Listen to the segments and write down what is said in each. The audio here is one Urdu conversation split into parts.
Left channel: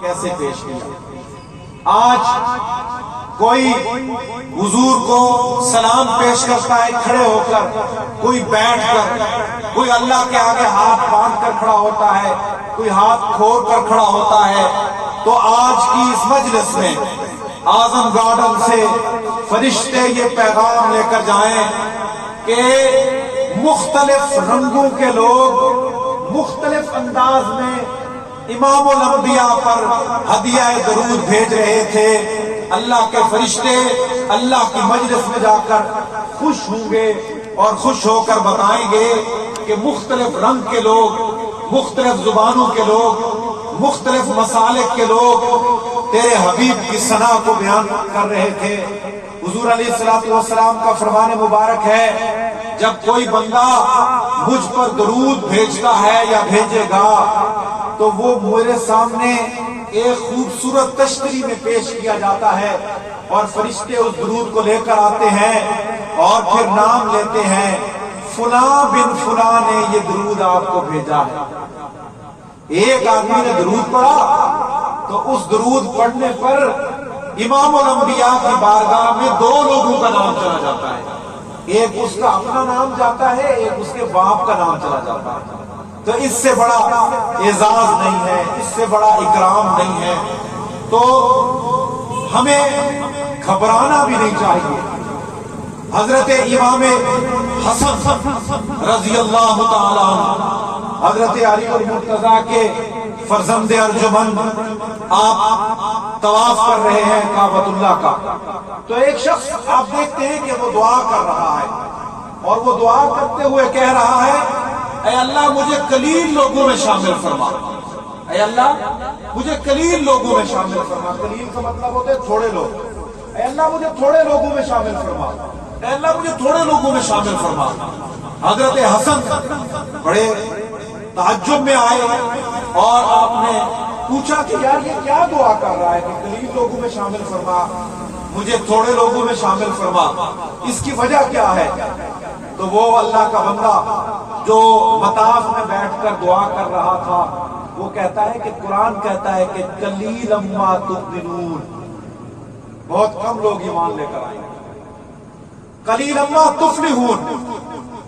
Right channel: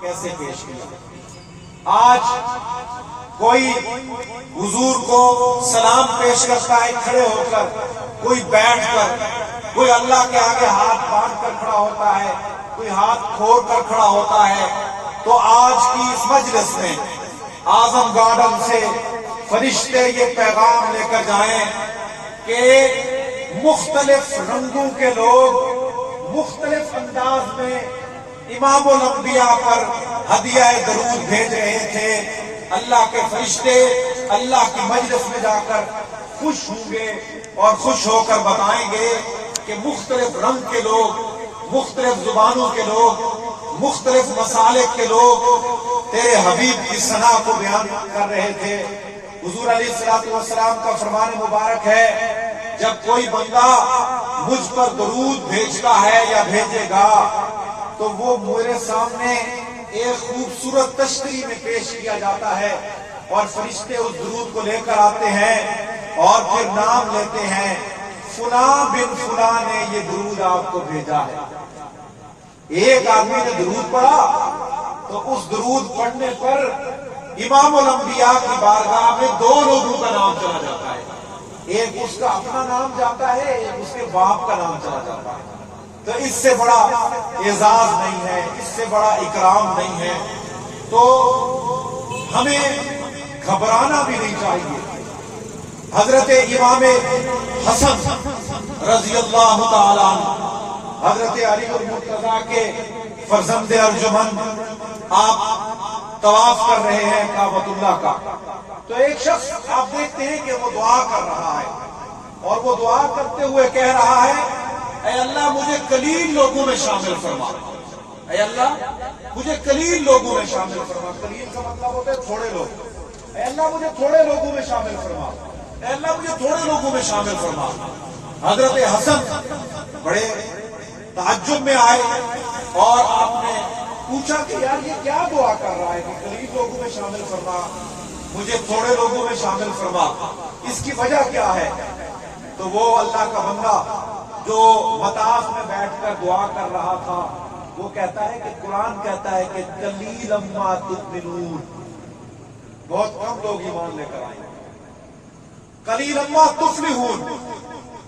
کیسے پیش کیا؟ آج کوئی حضور کو سلام پیش کرتا ہے کھڑے ہو کر، کوئی بیٹھ کر، کوئی اللہ کے آگے ہاتھ باندھ کر کھڑا ہوتا ہے، کوئی ہاتھ کھول کر کھڑا ہوتا ہے۔ تو آج کی اس مجلس میں اعظم گارڈن سے فرشتے یہ پیغام لے کر جائیں کہ مختلف رنگوں کے لوگ مختلف انداز میں امام الانبیاء پر ہدیہ درود بھیج رہے تھے۔ اللہ کے فرشتے اللہ کی مجلس میں جا کر خوش ہوں گے اور خوش ہو کر بتائیں گے کہ مختلف رنگ کے لوگ، مختلف زبانوں کے لوگ، مختلف مسالک کے لوگ تیرے حبیب کی ثنا کو بیان کر رہے تھے۔ حضور علیہ الصلوۃ والسلام کا فرمان مبارک ہے، جب کوئی بندہ مجھ پر درود بھیجتا ہے یا بھیجے گا تو وہ میرے سامنے ایک خوبصورت تشتری میں پیش کیا جاتا ہے اور فرشتے اس درود کو لے کر آتے ہیں اور پھر نام لیتے ہیں، فلاں بن فلاں نے یہ درود آپ کو بھیجا ہے۔ ایک آدمی نے درود پڑھا تو اس درود پڑھنے پر امام الانبیاء کی بارگاہ میں دو لوگوں کا نام چلا جاتا ہے، ایک اس کا اپنا نام جاتا ہے، ایک اس کے باپ کا نام چلا جاتا ہے۔ تو اس سے بڑا اعزاز نہیں ہے، اس سے بڑا اکرام نہیں ہے، تو ہمیں گھبرانا بھی نہیں چاہیے۔ حضرت امام حسن رضی اللہ تعالیٰ عنہ، حضرت علی المرتضیٰ کے فرزند ارجمند، آپ طواف کر رہے ہیں کعبۃ اللہ کا، تو ایک شخص آپ دیکھتے ہیں کہ وہ دعا کر رہا ہے اور وہ دعا کرتے ہوئے کہہ رہا ہے، اے اللہ مجھے قلیل لوگوں میں شامل فرما، اے اللہ مجھے قلیل لوگوں میں شامل فرما۔ قلیل کا مطلب ہوتا ہے تھوڑے لوگ، اے اللہ مجھے تھوڑے لوگوں میں شامل فرما، اے اللہ مجھے تھوڑے لوگوں میں شامل فرما۔ حضرت حسن بڑے تعجب میں آئے اور آپ نے پوچھا کہ یار یہ کیا دعا کر رہا ہے کہ قلیل لوگوں میں شامل فرما، مجھے تھوڑے لوگوں میں شامل فرما، اس کی وجہ کیا ہے؟ تو وہ اللہ کا بندہ جو مطاف میں بیٹھ کر دعا کر رہا تھا وہ کہتا ہے کہ قرآن کہتا ہے کہ قلیلا ما تؤمنون، بہت کم لوگ ایمان لے کر آئیں گے، قلیلا ما تفلحون،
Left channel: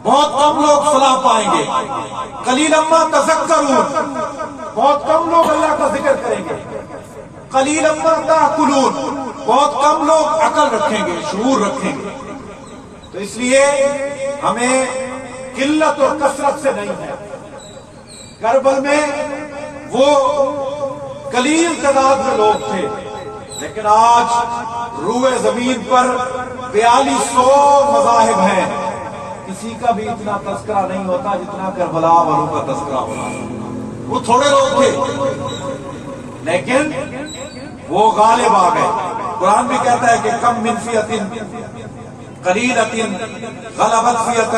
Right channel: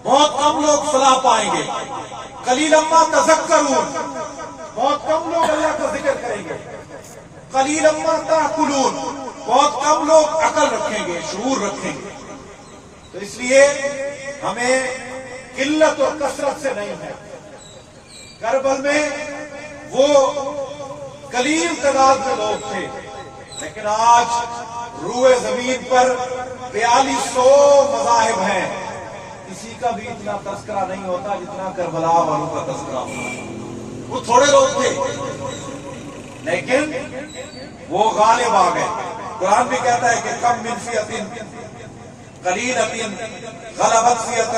بہت کم لوگ فلاح پائیں گے، قلیلا ما تذکرون، بہت کم لوگ اللہ کا ذکر کریں گے، قلیلا ما تعقلون، بہت کم لوگ عقل رکھیں گے، شعور رکھیں گے۔ تو اس لیے ہمیں قلت اور کثرت سے نہیں ہے۔ کربل میں وہ قلیل تعداد میں لوگ تھے، لیکن آج روئے زمین پر 4200 مذاہب ہیں، کسی کا بھی اتنا تذکرہ نہیں ہوتا جتنا کربلا والوں کا تذکرہ ہوتا۔ وہ تھوڑے لوگ تھے لیکن وہ غالب آ گئے۔ قرآن بھی کہتا ہے کہ کم من فئۃ قلیلۃ غلبت فئۃ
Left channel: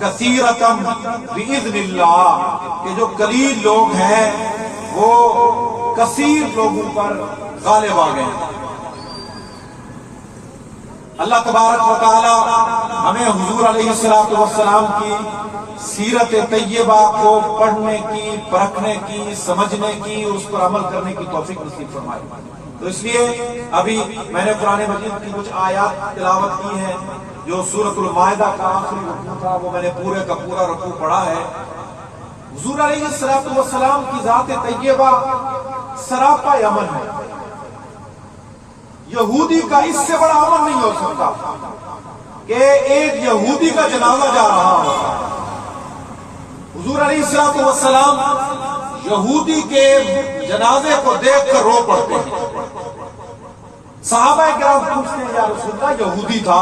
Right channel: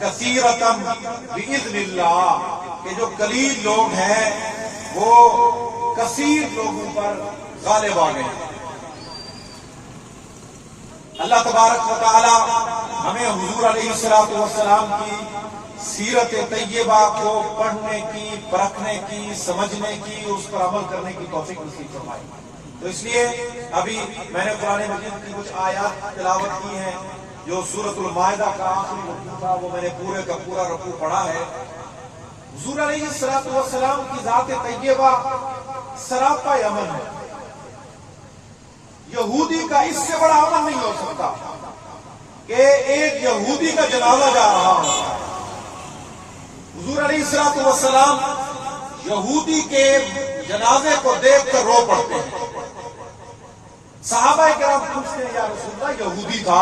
کثیرۃ بإذن اللہ، کہ جو قلیل لوگ ہیں وہ کثیر لوگوں پر غالب آ گئے۔ اللہ تبارک و تعالی ہمیں حضور علیہ الصلوۃ والسلام کی سیرت طیبہ کو پڑھنے کی، پرکھنے کی، سمجھنے کی، اس پر عمل کرنے کی توفیق نصیب فرمائے۔ تو اس لیے ابھی میں نے قرآن مجید کی کچھ آیات تلاوت کی ہیں، جو سورۃ المائدہ کا آخری رکوع تھا وہ میں نے پورے کا پورا رکوع پڑھا ہے۔ حضور علیہ الصلوۃ والسلام کی ذات طیبہ سراپا امن ہے، یہودی کا اس سے بڑا امن نہیں ہو سکتا کہ ایک یہودی کا جنازہ جا رہا ہوتا۔ حضور علیہ الصلوۃ والسلام یہودی کے جنازے کو دیکھ کر رو پڑتے ہیں۔ صحابہ کرام پوچھتے ہیں، یا رسول اللہ یہودی تھا،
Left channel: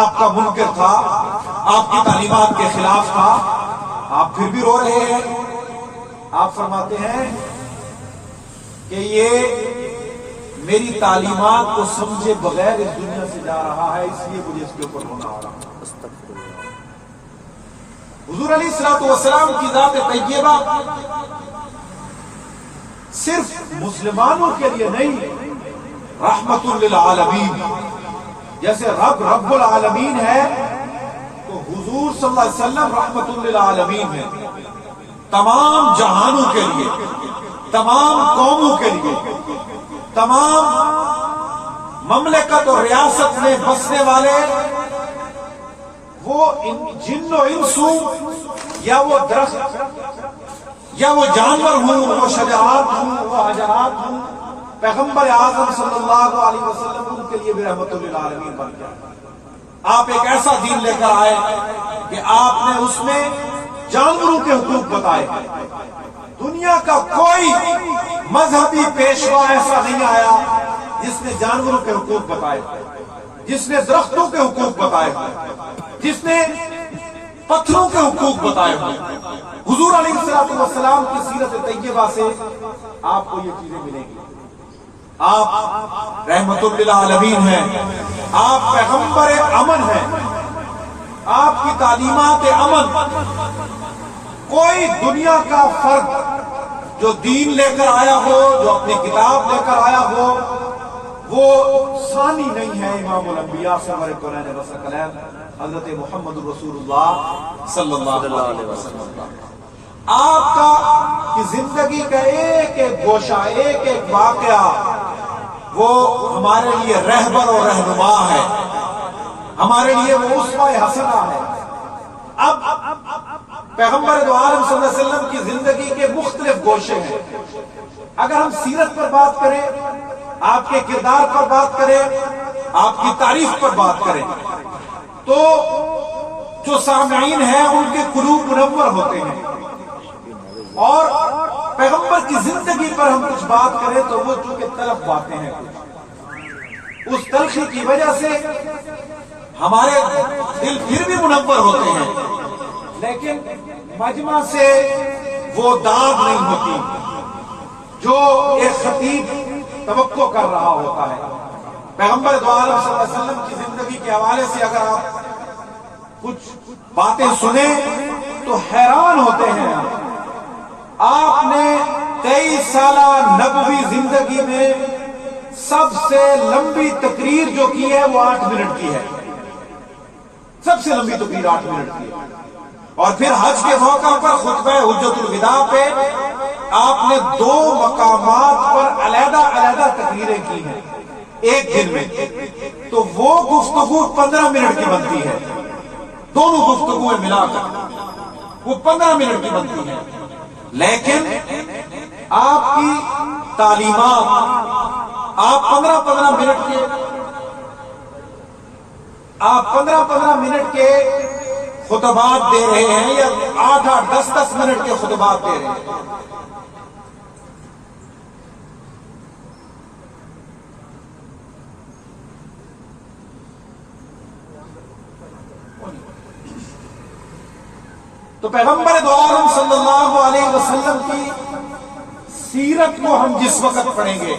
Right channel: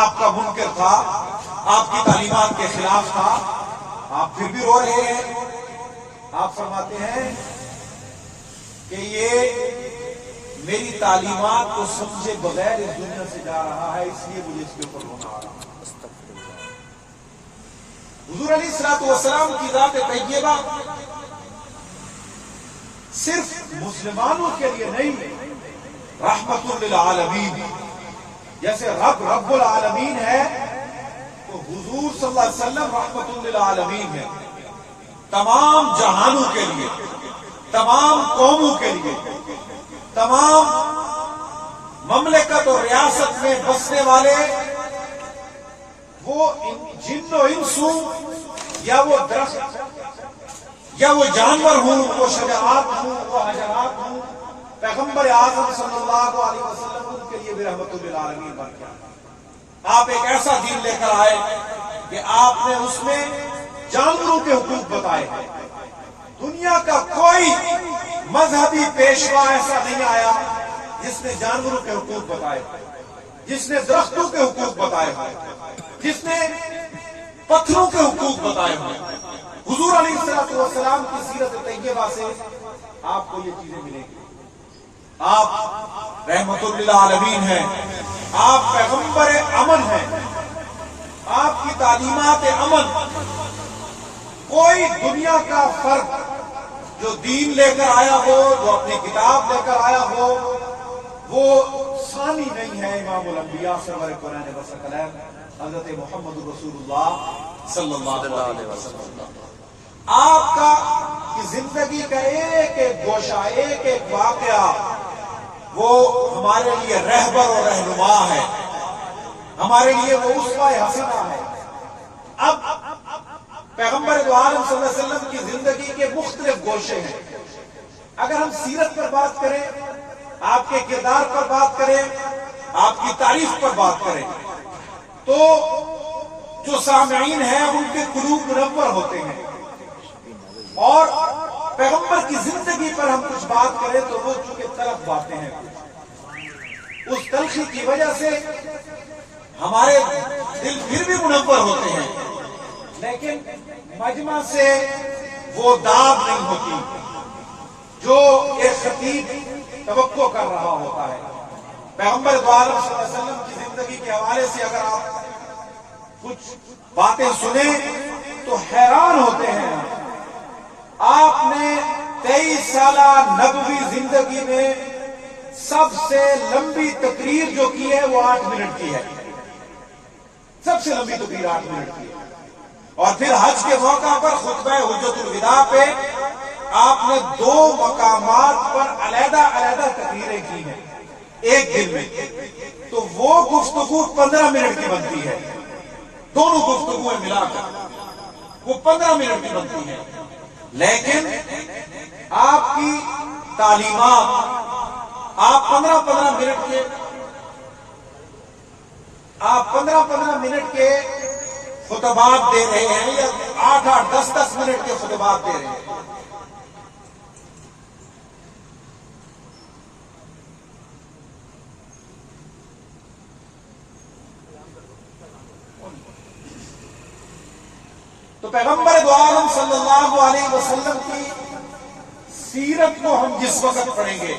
آپ کا منکر تھا، آپ کی تعلیمات کے خلاف تھا، آپ پھر بھی رو رہے ہیں؟ آپ فرماتے ہیں کہ یہ میری تعلیمات کو سمجھے بغیر اس دنیا سے جا رہا ہے، اس لیے مجھے اس کے اوپر رونا آ رہا ہے۔ حضور علیہ الصلوۃ والسلام کی ذات طیبہ صرف مسلمانوں کے لیے نہیں، رحمت للعالمین، جیسے رب العالمین ہے تو حضور صلی اللہ علیہ وسلم رحمت للعالمین ہے، تمام جہانوں کے لیے، تمام قوموں کے لیے، تمام مملکت اور ریاست میں بسنے والے، وہ جن و انسو یا وہ درخت یا وہ جانور ہوں، وہ شجرات ہوں، وہ حجرات ہوں، پیغمبر اعظم صلی اللہ علیہ وسلم ان کے لیے بھی رحمت للعالمین بن گیا۔ آپ ایک ایسا دین لے کر آئے کہ آپ نے اس میں جانوروں کے حقوق بتائے۔ دنیا کا کوئی مذہبی پیشوا ایسا نہیں آیا جس نے جانوروں کے حقوق بتائے، جس نے درختوں کے حقوق بتائے، جس نے پتھروں کے حقوق بتائے ہوئے۔ حضور علیہ السلام کی سیرت طیبہ سے آپ کو یہ چیزیں ملیں گی۔ آپ رحمت للعالمین ہیں، آپ پیغمبر امن ہیں، آپ کی تعلیمات امن۔ کوئی دنیا کا فرد جو دین لے کر آیا ہو، جو اپنی کتاب لے کر آیا ہو، وہ ثانی نہیں ہے امام الانبیاء سرور کونین و ثقلین حضرت محمد رسول اللہ صلی اللہ علیہ وسلم۔ آپ کی زندگی کا ایک ایک گوشہ، ایک ایک واقعہ وہ ہمارے لیے رہبر اور رہنما ہے، ہمارے لیے وہ اسوہ حسنہ ہے۔ اب پیغمبر دو عالم صلی اللہ علیہ وسلم کی زندگی کے مختلف گوشے ہیں۔ اگر ہم سیرت پر بات کریں، آپ کے کردار پر بات کریں، آپ کی تعریف پر بات کریں، تو جو سامعین ہیں ان کے قلوب منور ہوتے ہیں، اور پیغمبر کی زندگی پر ہم کچھ بات کریں تو وہ چونکہ طرف باتیں ہیں، اس تلخی کی وجہ سے ہمارے دل پھر بھی منور ہوتے ہیں، لیکن مجمع سے وہ داد نہیں ہوتی جو ایک خطیب توقع کر رہا ہوتا ہے۔ پیغمبر دو عالم صلی اللہ علیہ وسلم کی زندگی کے حوالے سے اگر آپ کچھ باتیں سنیں تو حیران ہوتے ہیں۔ آپ نے 23 سالہ نبوی زندگی میں سب سے لمبی تقریر جو کی ہے وہ 8 منٹ کی ہے، سب سے لمبی تقریر 8 منٹ کی ہے۔ اور پھر حج کے موقع پر خطبہ حجت الوداع پہ آپ نے 2 مقامات پر علیحدہ علیحدہ تقریریں کی ہیں ایک دن میں، تو وہ گفتگو 15 منٹ کی بنتی ہے، دونوں گفتگویں ملا کر وہ 15 منٹ کی بنتی ہے۔ لیکن آپ کی تعلیمات، آپ 15 منٹ کے خطبات دے رہے ہیں، یا 8 10 منٹ کے خطبات دے رہے ہیں۔ تو پیغمبر دو عالم صلی اللہ علیہ وسلم کی سیرت کو ہم جس وقت پڑھیں گے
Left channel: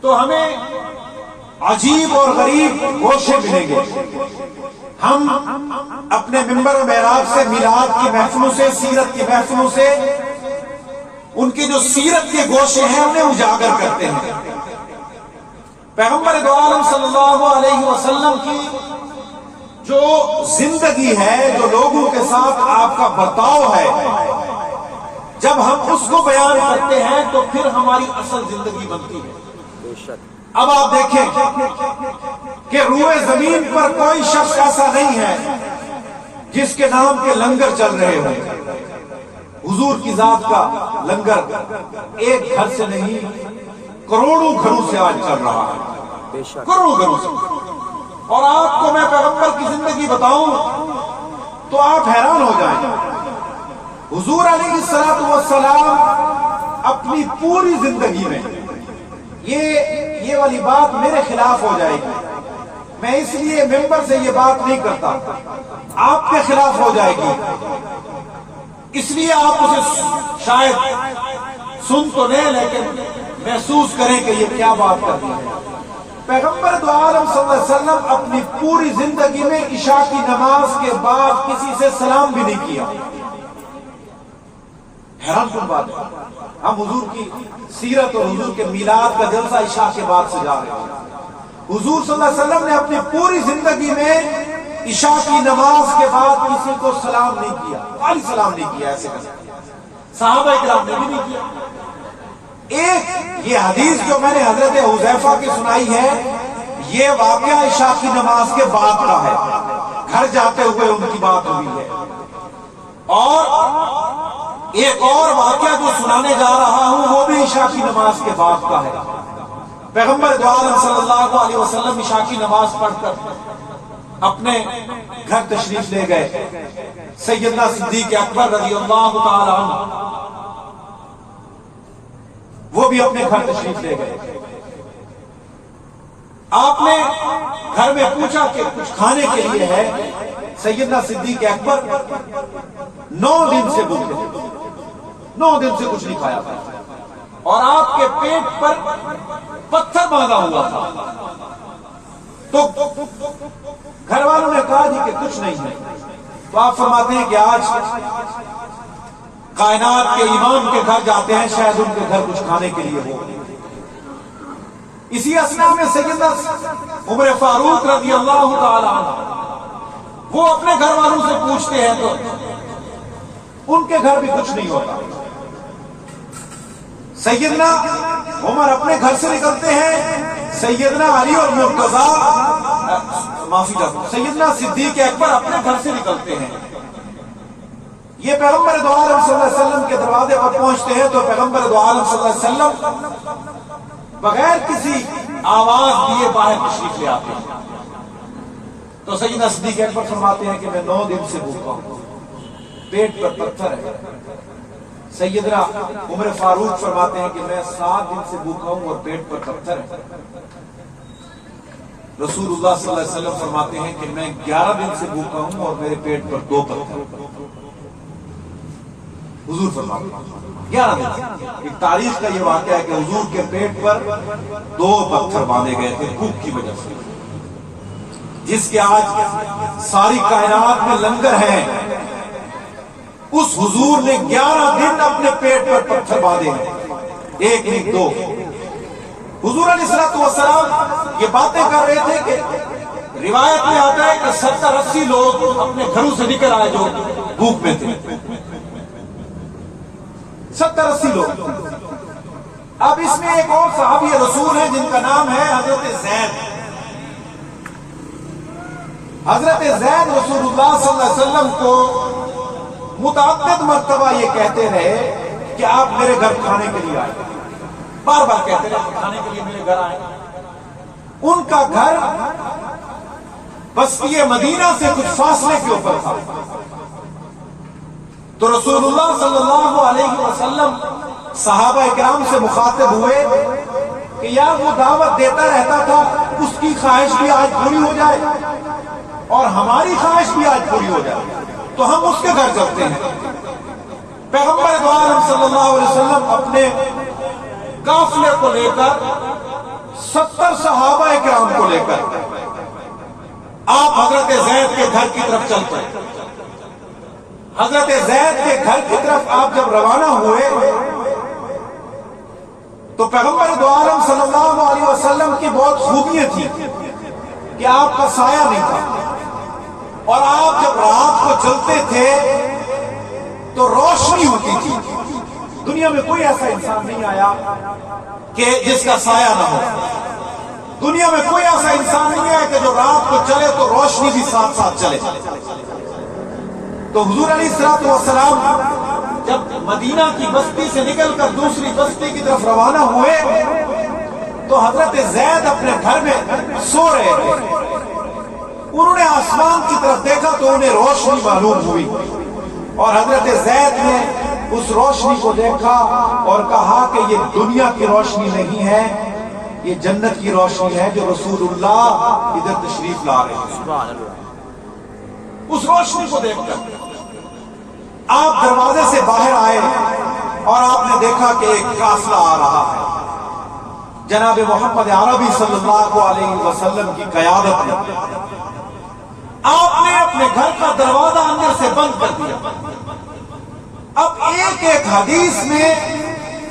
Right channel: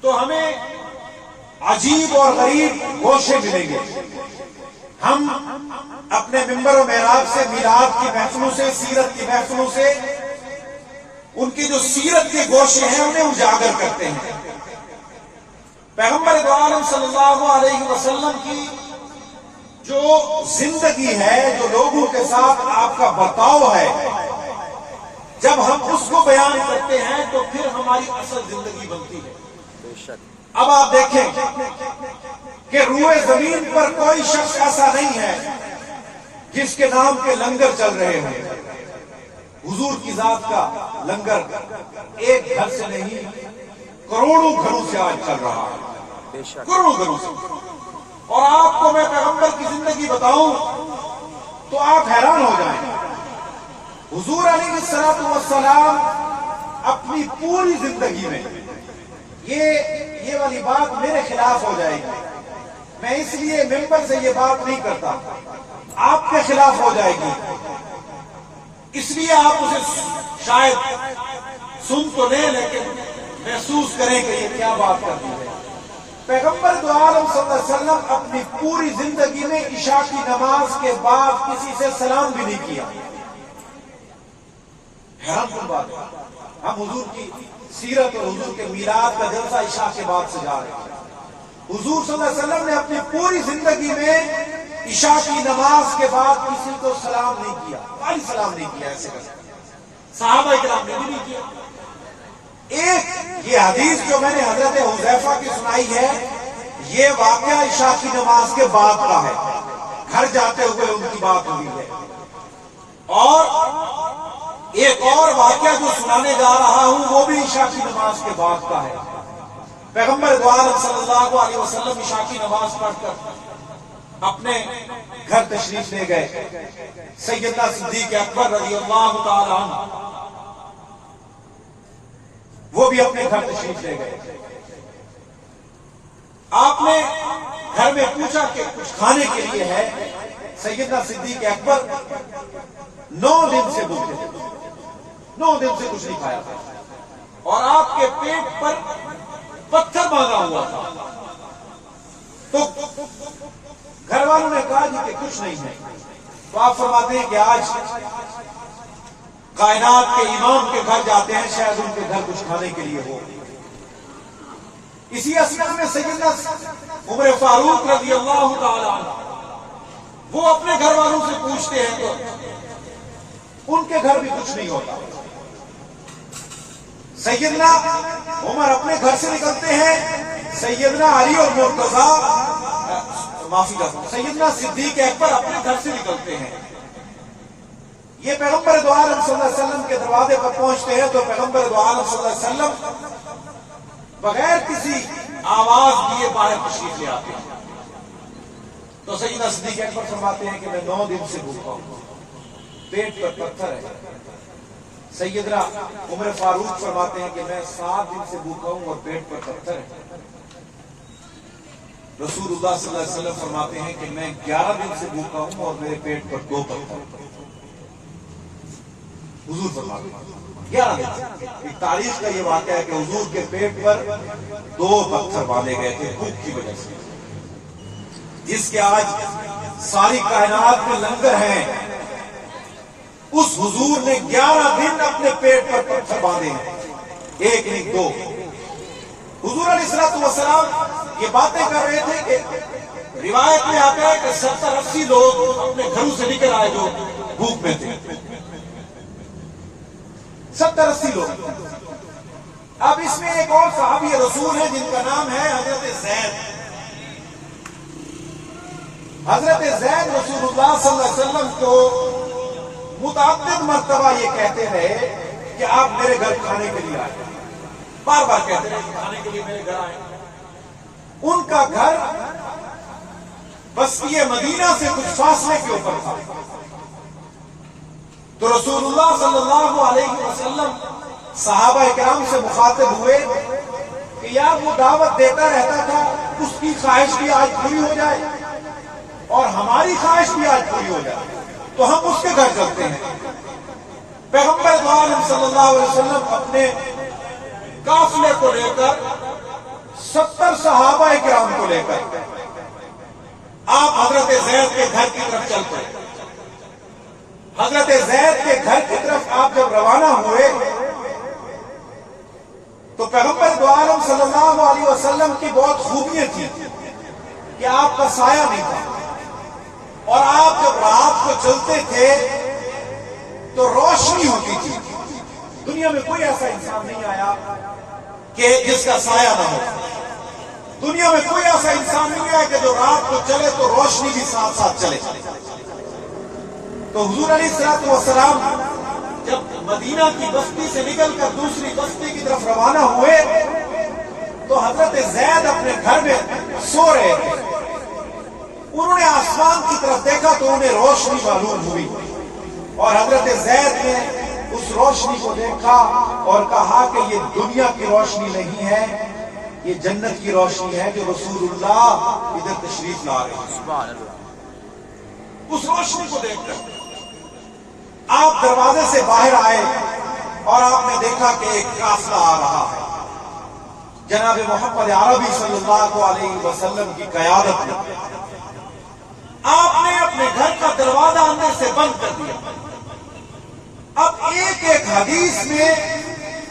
تو ہمیں عجیب اور غریب گوشے ملیں گے۔ ہم اپنے منبر و محراب سے، میلاد کی محفلوں سے، سیرت کی محفلوں سے ان کی جو سیرت کے گوشے ہیں انہیں اجاگر کرتے ہیں۔ پیغمبر دو عالم صلی اللہ علیہ وسلم کی جو زندگی ہے، جو لوگوں کے ساتھ آپ کا برتاؤ ہے، جب ہم اس کو بیان کرتے ہیں تو پھر ہماری اصل زندگی بنتی ہے۔ اب آپ دیکھیں کہ روئے زمین پر کوئی شخص ایسا نہیں ہے جس کے نام کے لنگر چل رہے ہیں۔ حضور کی ذات کا لنگر ایک گھر سے نہیں، کروڑوں گھروں سے آج چل رہا ہے، کروڑوں گھروں سے۔ اور آپ کو میں پیغمبر کی زندگی بتاؤں تو آپ حیران ہو جائیں۔ حضور علیہ الصلوۃ والسلام اپنی پوری زندگی میں، یہ والی بات میرے خلاف ہو جائے گی، میں اس لیے ممبر سے یہ بات نہیں کرتا، آپ کے خلاف ہو جائے گی، اس لیے آپ اسے شاید سن تو لیں لیکن محسوس کریں کہ یہ کیا بات کرتی ہے۔ پیغمبر دو عالم صلی اللہ علیہ وسلم اپنی پوری زندگی میں عشاء کی نماز کے بعد کسی سے سلام بھی نہیں کیا۔ حیران کن بات ہے، ہم حضور کی سیرت اور حضور کے میلاد کا جلسہ عشاء کے بعد سے جا رہے ہیں۔ حضور صلی اللہ علیہ وسلم نے اپنی پوری زندگی میں عشاء کی نماز کے بعد کسی کو سلام نہیں کیا، والی سلام نہیں کیا، ایسے صحابہ کرام نے بھی نہیں کیا. ایک یہ حدیث جو میں نے حضرت حذیفہ کی سنائی ہے، یہ واقعہ عشاء کی نماز کے بعد کا ہے، گھر جاتے ہوئے ان کی بات ہوئی ہے. اور ایک اور واقعہ جو سنانے جا رہا ہوں وہ بھی عشاء کی نماز کے بعد کا ہے. پیغمبر دو عالم صلی اللہ علیہ وسلم عشاء کی نماز پڑھ کر اپنے گھر تشریف لے گئے. سیدنا صدیق اکبر رضی اللہ تعالی عنہ وہ بھی اپنے گھر تشریف لے گئے. آپ نے گھر میں پوچھا کہ کچھ کھانے کے لیے ہے. سیدنا صدیق اکبر 9 دن سے بھوکے تھے، 9 دن سے کچھ نہیں کھایا تھا، اور آپ کے پیٹ پر پتھر باندھا ہوا تھا. تو گھر والوں نے کہا جی کہ کچھ نہیں ہے. تو آپ فرماتے ہیں کہ آج کائنات کے امام کے گھر جاتے ہیں، شاید ان کے گھر کچھ کھانے کے لیے ہو. اسی اثنا میں سیدنا عمر فاروق رضی اللہ تعالی عنہ وہ اپنے گھر والوں سے پوچھتے ہیں تو ان کے گھر بھی کچھ نہیں ہوتا. سیدنا عمر اپنے گھر سے نکلتے ہیں، سیدنا علی اور سیدنا صدیق اکبر اپنے گھر سے نکلتے ہیں. یہ پیغمبر دو عالم صلی اللہ علیہ وسلم کے دروازے پر پہنچتے ہیں تو پیغمبر دو عالم صلی اللہ علیہ وسلم بغیر کسی آواز دیے باہر تشریف لے آتے ہیں. تو سیدنا صدیق اکبر فرماتے ہیں کہ میں 9 دن سے بھوکا ہوں، پیٹ پر پتھر ہے. سیدنا عمر فاروق فرماتے ہیں کہ میں 7 دن سے بھوکا ہوں اور پیٹ پر پتھر ہے. رسول اللہ صلی اللہ علیہ وسلم فرماتے ہیں کہ میں 11 دن سے بھوکا ہوں اور میرے پیٹ پر 2 پتھر. حضور فرماتے ہیں 11 دن. ایک تاریخ کا یہ واقعہ ہے کہ حضور کے پیٹ پر 2 پتھر باندھے گئے تھے بھوک کی وجہ سے، جس کے آج ساری کائنات میں لنگر ہیں. اس حضور نے 11 دن اپنے پیٹ پر پتھر باندھے ہیں، ایک نہیں 2. حضور علیہ الصلوۃ والسلام یہ باتیں کر رہے تھے کہ روایت میں آتا ہے کہ 70-80 لوگ اپنے گھروں سے نکل آئے جو بھوک میں تھے. 70-80 لوگ. اب اس میں ایک اور صحابی رسول ہے جن کا نام ہے حضرت زید. حضرت زید رسول اللہ صلی اللہ علیہ وسلم کو متعدد مرتبہ یہ کہتے رہے کہ آپ میرے گھر کھانے کے لیے آئے. بار بار کہتے رہے کہ کھانے کے لیے میرے گھر آئے. ان کا گھر بستی مدینہ سے کچھ فاصلے کے اوپر تھا. تو رسول اللہ صلی اللہ علیہ وسلم صحابہ کرام سے مخاطب ہوئے کہ یار وہ دعوت دیتا رہتا تھا، اس کی خواہش بھی آج پوری ہو جائے اور ہماری خواہش بھی آج پوری ہو جائے تو ہم اس کے گھر چلتے ہیں. پیغمبر دو عالم صلی اللہ علیہ وسلم اپنے قافلے کو لے کر 70 صحابہ کرام کو لے کر آپ حضرت زید کے گھر کی طرف چل پڑے. حضرت زید کے گھر کی طرف آپ جب روانہ ہوئے تو پیغمبر دو عالم صلی اللہ علیہ وسلم کی بہت خوبیاں تھیں کہ آپ کا سایہ نہیں تھا، اور آپ جب رات کو چلتے تھے تو روشنی ہوتی تھی. دنیا میں کوئی ایسا انسان نہیں آیا کہ جس کا سایہ نہ ہو. دنیا میں کوئی ایسا انسان نہیں ہے کہ جو رات کو چلے تو روشنی بھی ساتھ ساتھ چلے. تو حضور علیہ الصلوۃ والسلام جب مدینہ کی بستی سے نکل کر دوسری بستی کی طرف روانہ ہوئے تو حضرت زید اپنے گھر میں سو رہے تھے. انہوں نے آسمان کی طرف دیکھا تو انہیں روشنی معلوم ہوئی، اور حضرت زید نے اس روشنی کو دیکھا اور کہا کہ یہ دنیا کی روشنی نہیں ہے، یہ جنت کی روشنی ہے جو رسول اللہ ادھر تشریف لا رہے ہیں. اس روشنی کو دیکھ کر آپ دروازے سے باہر آئے اور آپ نے دیکھا کہ ایک قافلہ آ رہا ہے. جناب محمد عربی صلی اللہ علیہ وسلم کی قیادت میں آپ نے اپنے گھر کا دروازہ اندر سے بند کر دیا. اب ایک ایک حدیث میں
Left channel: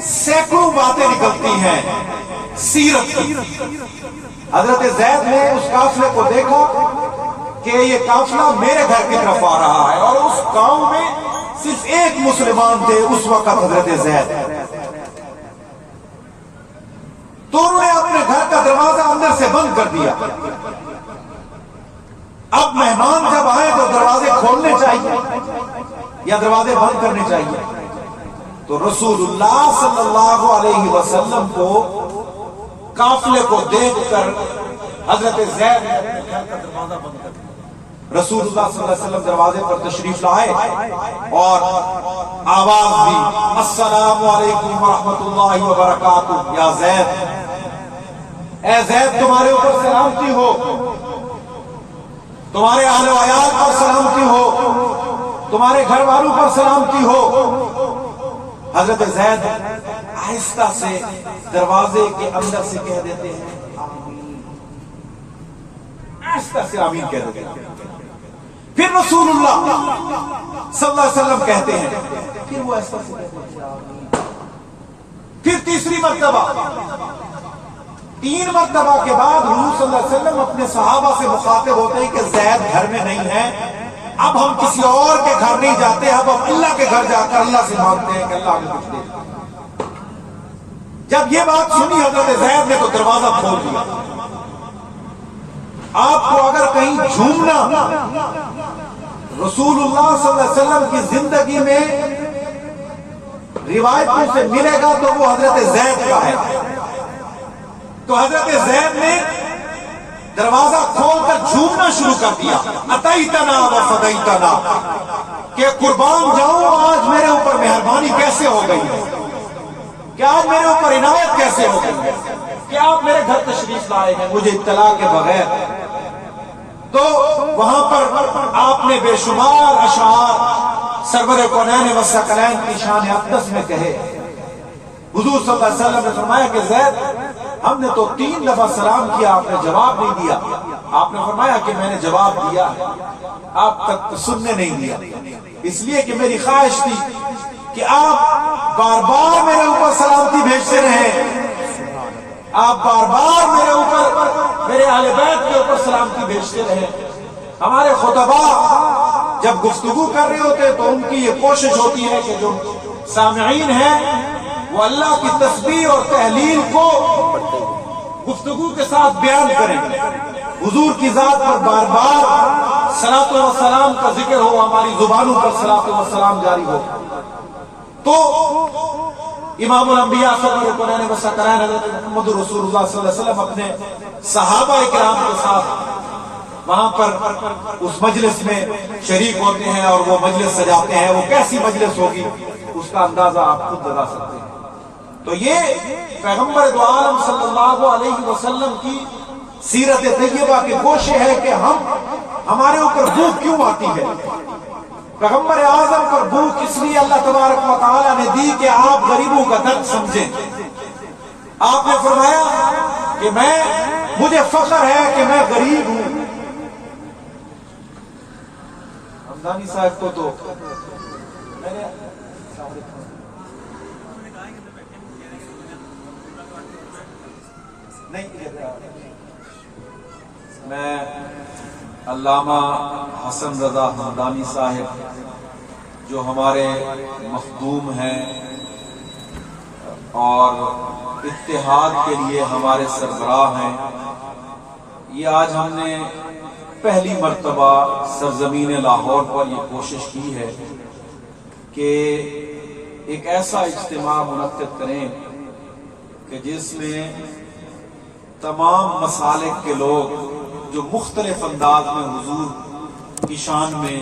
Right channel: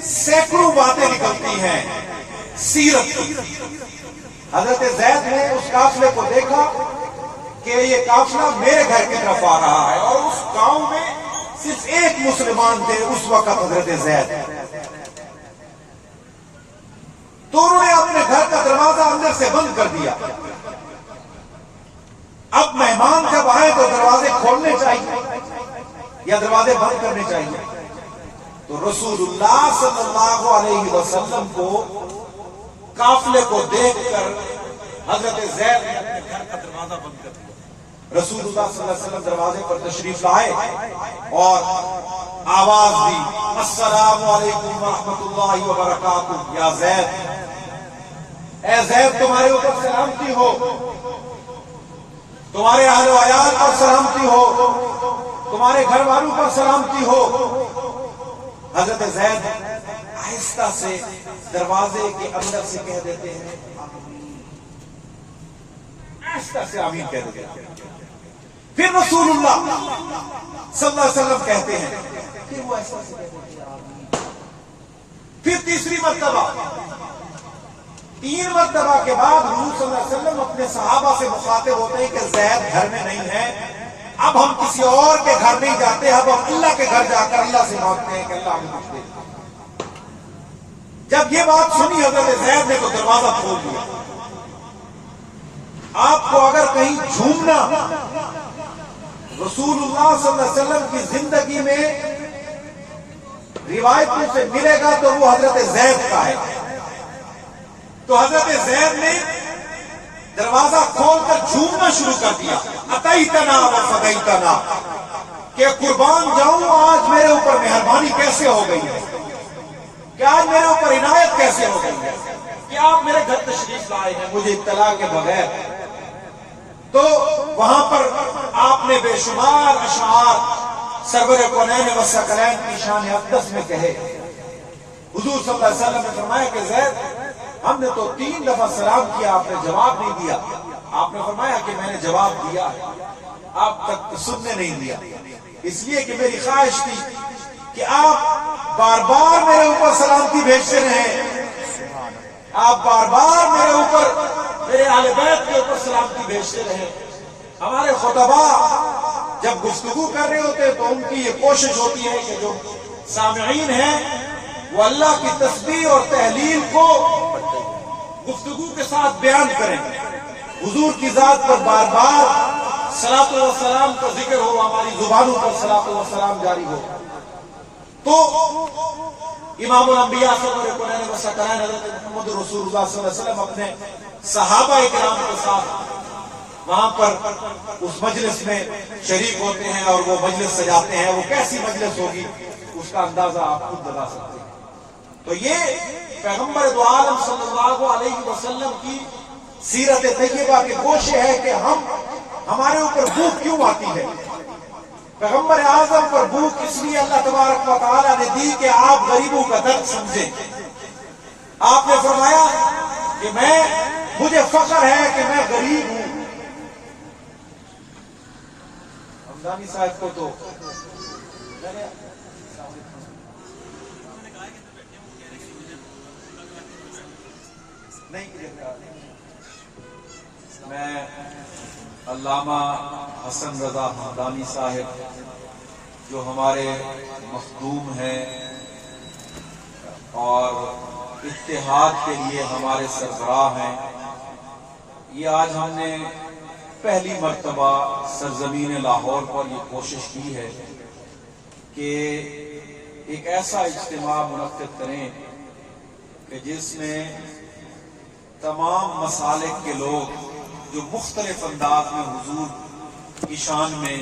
سینکڑوں باتیں نکلتی ہیں سیرت کی. حضرت زید نے اس قافلے کو دیکھا کہ یہ قافلہ میرے گھر کی طرف آ رہا ہے، اور اس گاؤں میں صرف ایک مسلمان تھے اس وقت، حضرت زید. تو انہوں نے اپنے گھر کا دروازہ اندر سے بند کر دیا. اب مہمان جب آئے تو دروازے کھولنے چاہیے یا دروازے بند کرنے چاہیے؟ تو رسول اللہ صلی اللہ علیہ وسلم کو قافلے کو دیکھ کر حضرت زید نے اپنے گھر کا دروازہ بند کر دیا. رسول اللہ صلی اللہ علیہ وسلم دروازے پر تشریف لائے اور آواز دی، السلام علیکم ورحمۃ اللہ وبرکاتہ. یا زید، اے زید تمہارے اوپر سلامتی ہو، تمہارے اہل و عیال پر سلامتی ہو، تمہارے گھر والوں پر سلامتی ہو. حضرت زید آہستہ سے دروازے کے اندر سے کہہ دیتے ہیں آمین، آہستہ سے آمین کہہ دیتے ہیں. پھر رسول اللہ صلی اللہ علیہ وسلم کہتے ہیں، پھر وہ آہستہ سے کہتے ہیں آمین. پھر تیسری مرتبہ، 3 مرتبہ کے بعد حضور صلی اللہ علیہ وسلم اپنے صحابہ سے مخاطب ہوتے ہیں کہ زید گھر میں نہیں ہے، اب ہم کسی اور کے گھر نہیں جاتے، اب ہم اللہ کے گھر جا کر اللہ سے مانگتے ہیں کہ اللہ ہمیں کچھ دے. جب یہ بات سنی حضرت زید نے تو دروازہ کھول دیا. آپ کو اگر کہیں جھومنا رسول اللہ صلی اللہ علیہ وسلم کی زندگی میں روایتوں سے ملے گا تو وہ حضرت زید کا ہے. تو حضرت زید نے دروازہ کھول کر جھومنا شروع کر دیا، اتیتنا و فدیتنا، کہ قربان جاؤں آج میرے اوپر مہربانی کیسے ہو گئی ہے، کہ آج میرے اوپر عنایت کیسے ہو گئی ہے کہ آپ میرے گھر تشریف لائے ہیں مجھے اطلاع کے بغیر. تو وہاں پر آپ نے بے شمار اشعار سرور کونین و ثقلین کی شان اقدس میں کہے. حضور صلی اللہ علیہ وسلم نے فرمایا کہ زید ہم نے تو 3 دفعہ سلام کیا، آپ نے جواب نہیں دیا. آپ نے فرمایا کہ میں نے جواب دیا، آپ تک سننے نہیں دیا، اس لیے کہ میری خواہش تھی کہ آپ بار بار میرے اوپر سلامتی بھیجتے رہیں، آپ بار بار میرے اوپر، میرے اہل بیت کے اوپر سلامتی بھیجتے رہیں. ہمارے خطباء جب گفتگو کر رہے ہوتے تو ان کی یہ کوشش ہوتی ہے کہ جو سامعین ہیں وہ اللہ کی تسبیح اور تحلیل کو گفتگو کے ساتھ بیان کریں. حضور کی ذات پر بار بار صلاۃ و سلام کا ذکر ہو، ہماری زبانوں پر صلاۃ و سلام جاری ہو. تو امام الانبیاء سرور کونین و ثقلین حضرت محمد رسول اللہ صلی اللہ علیہ وسلم اپنے صحابہ کرام کے ساتھ وہاں پر اس مجلس میں شریک ہوتے ہیں اور وہ مجلس سجاتے ہیں. وہ کیسی مجلس ہوگی اس کا اندازہ آپ خود لگا سکتے ہیں. تو یہ پیغمبر دو عالم صلی اللہ علیہ وسلم کی سیرت طیبہ کے گوشے ہے کہ ہمارے اوپر بھوک کیوں آتی ہے. پیغمبر اعظم پر بھوک اس لیے اللہ تبارک و تعالی نے دی کہ آپ غریبوں کا درد سمجھیں. آپ نے فرمایا کہ مجھے فخر ہے کہ میں غریب ہوں. ہمدانی صاحب کو تو میں علامہ حسن رضا ہمدانی صاحب جو ہمارے مخدوم ہیں اور اتحاد کے لیے ہمارے سربراہ ہیں، یہ آج ہم نے پہلی مرتبہ سرزمین لاہور پر یہ کوشش کی ہے کہ ایک ایسا اجتماع منعقد کریں کہ جس میں تمام مسالک کے لوگ جو مختلف انداز میں حضور کی شان میں